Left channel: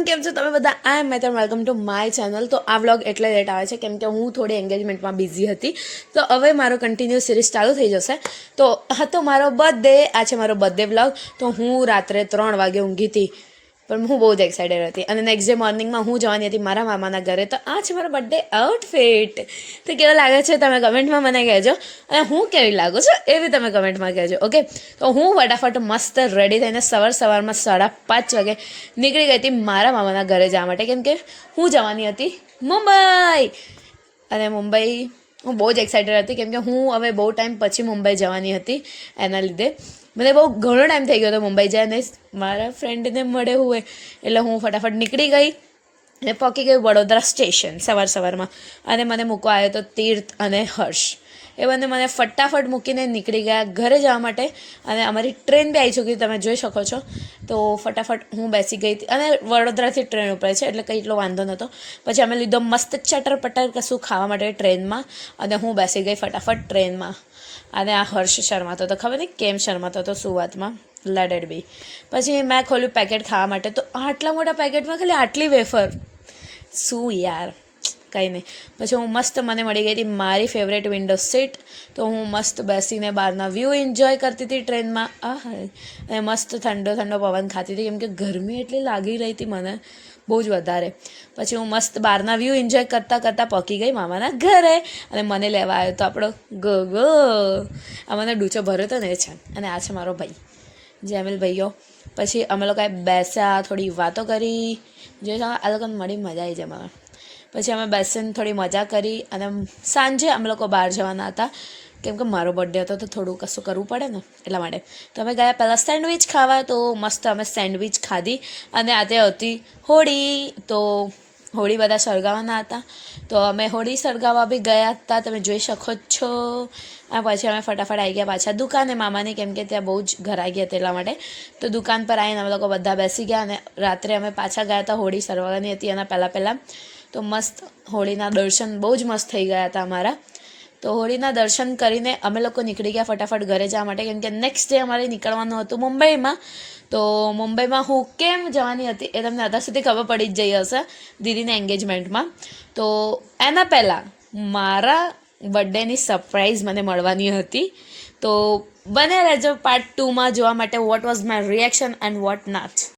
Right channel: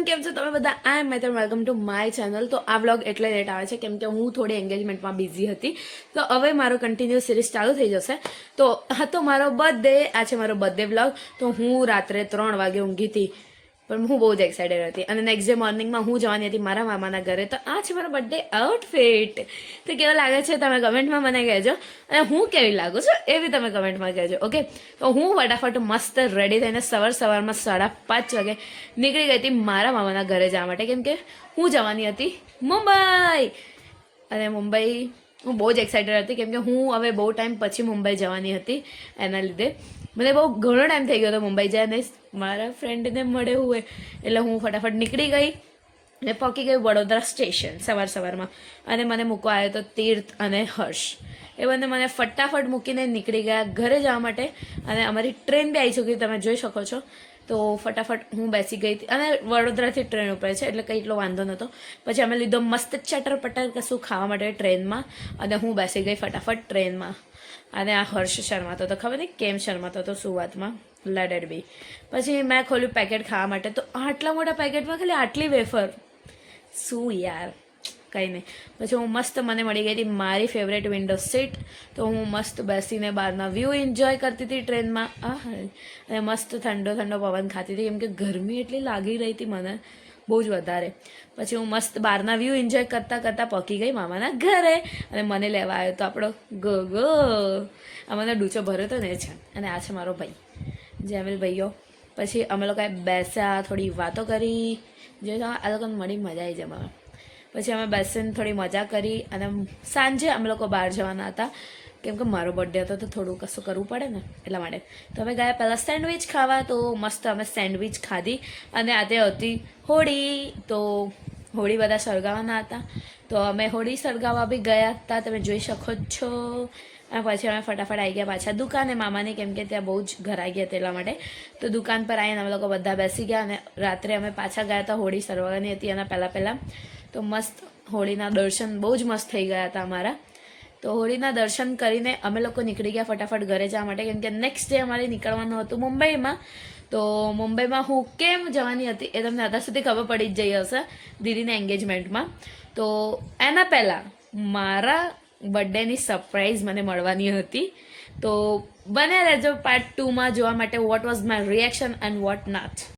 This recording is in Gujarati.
એવરીવન, કેમ છો તમે બધા? આઈ એમ મેથર, વેલકમ ટુ માય ચેનલ. તો આ વ્લોગ એટલે લેટ આવે છે કેમ કે હું થોડી એન્ગેજમેન્ટમાં બિઝી હતી. તો હવે મારો કન્ટિન્યુ સિરીઝ ચાલુ થઈ જશે. તો હતો મારો બર્થડે, આ છે મારો બર્થડે વ્લોગ. તો હું રાત્રે 3 વાગે ઊંઘી હતી, પણ હું બહુ જ એક્સાઇટેડ હતી. અને નેક્સ્ટ ડે મોર્નિંગમાં હું જવાની હતી મારા મામાના ઘરે. તો આ છે મારો બર્થડે આઉટફિટ. તો કેવો લાગે છે તમે કમેન્ટમાં મને કહેજો, અને હું કેવી લાગુ છું એ બી તમે કમેન્ટમાં કહેજો. ઓકે, તો હું ફટાફટ મસ્ત રેડી થઈને સવારમાં 5:30 વાગે નીકળી ગઈ હતી મારા મામાના ઘરે જવા માટે, કેમ કે હું જવાની હતી મુંબઈ. અને મુંબઈ હું બહુ જ એક્સાઇટેડ હતી કેમ કે હું હવે બહુ ટાઈમ પછી મુંબઈ જવાની હતી. એના લીધે મને બહુ ઘણો ટાઈમ થઈ ગયો હતો મુંબઈ જાય, અને મારા ફ્રેન્ડને મળે હોય એટલે હું ફટાફટ નીકળી ગઈ અને પહોંચી ગઈ વડોદરા સ્ટેશન સવારમાં. અને મને મૂકવા આવ્યો હતો તીર્થ અને હર્ષ. એ બંને મને ફટાફટ મૂકીને નીકળી ગયા ઘરે જવા માટે. અને અમારી ટ્રેન બી આવી ચૂકી, તમે જોઈ શકો છો. તો ફટાફટ હું બેસી ગઈ હતી, અને વડોદરાથી ટ્રેન ઉપડે છે એટલે કંઈ એટલો વાંધો નહોતો. પછી અમે લીધો મસ્ત ચટર પટર કશું ખાવા માટે ટ્રેનમાં, અને હું બેસી ગઈ ફટાફટ ટ્રેનમાં. અને આ હર્ષ શર્માતો હતો, ખબર નહીં કેમ શર્માતો હતો સુવાતમાં, લડેડ બી. પછી મેં ખોલ્યું પેકેટ ખાવા માટે, તો આટલા મોટા પેકેટમાં ખાલી આટલી વેફર. શું યાર, કંઈ નહીં. પછી હું મસ્ત, મને મળી ગઈ હતી મારી ફેવરેટ વિન્ડો સીટ. તો હું મસ્ત બેસીને બહારના વ્યૂ એન્જોય કરતી હતી ટ્રેનમાં. અને મસ્ત ઠંડો ઠંડો પવન ખાતી હતી કેમ કે ગરમી એટલી લાગી રહી હતી મને બહુ જ વધારે. પછી હું મસ્ત બહારના વ્યૂ એન્જોય કરતાં પહોંચી ગઈ મામાના ઘરે. અને મને લેવા આવ્યો તો આપણો ગગો, આ મને ડૂચો ભર્યો હતો ને એ છે. અને આ છે મારો ભાઈ જેમિલ ભાઈઓ. પછી અમે લોકોએ બેસ્યા, થોડી વાતો કરી. જોઈ આ લોકોને મળી મજા આવી જાય. પછી અમે બેસીને થોડી મજા કરી, અને સાંજે અમે લોકો બહાર જવાના હતા કેમ કે મારો બર્થડે હતો તો થોડું કશું કરવું પડે ને, એટલા માટે. તો અમે ગયા પહેલાં સેન્ડવિચ ખાવા. તો મસ્ત અમે સેન્ડવિચ ખાધી. અને આજે હતી હોળી, તો હોળી બધા સળગાવવાના હતા, તો અમે હોળી સળગાવવા બી ગયા હતા, તમે જોઈ શકો છો. આ પછી અમે ફટાફટ આવી ગયા પાછા દુકાને મામાની, કેમ કે ત્યાં બહુ જ ઘરાઈ હતી એટલા માટે. તો દુકાન પર આવીને અમે લોકો બધા બેસી ગયા, અને રાત્રે અમે પાછા ગયા હતા હોળી સળગાવવાની હતી એના પહેલાં. તો મસ્ત હોળીના દર્શન બહુ જ મસ્ત થઈ ગયા હતા અમારા. તો હોળીના દર્શન કરીને અમે લોકો નીકળી ગયા ફટાફટ ઘરે જવા માટે, કેમ કે નેક્સ્ટ ડે અમારે નીકળવાનું હતું મુંબઈમાં. તો મુંબઈમાં હું કેમ જવાની હતી એ તમને અત્યાર સુધી ખબર પડી જ જઈ હશે દીદીના એન્ગેજમેન્ટમાં. તો એના પહેલાં મારા બર્થડેની સરપ્રાઈઝ મને મળવાની હતી. તો બન્યા રહેજો પાર્ટ 2માં જોવા માટે what was my reaction and what not.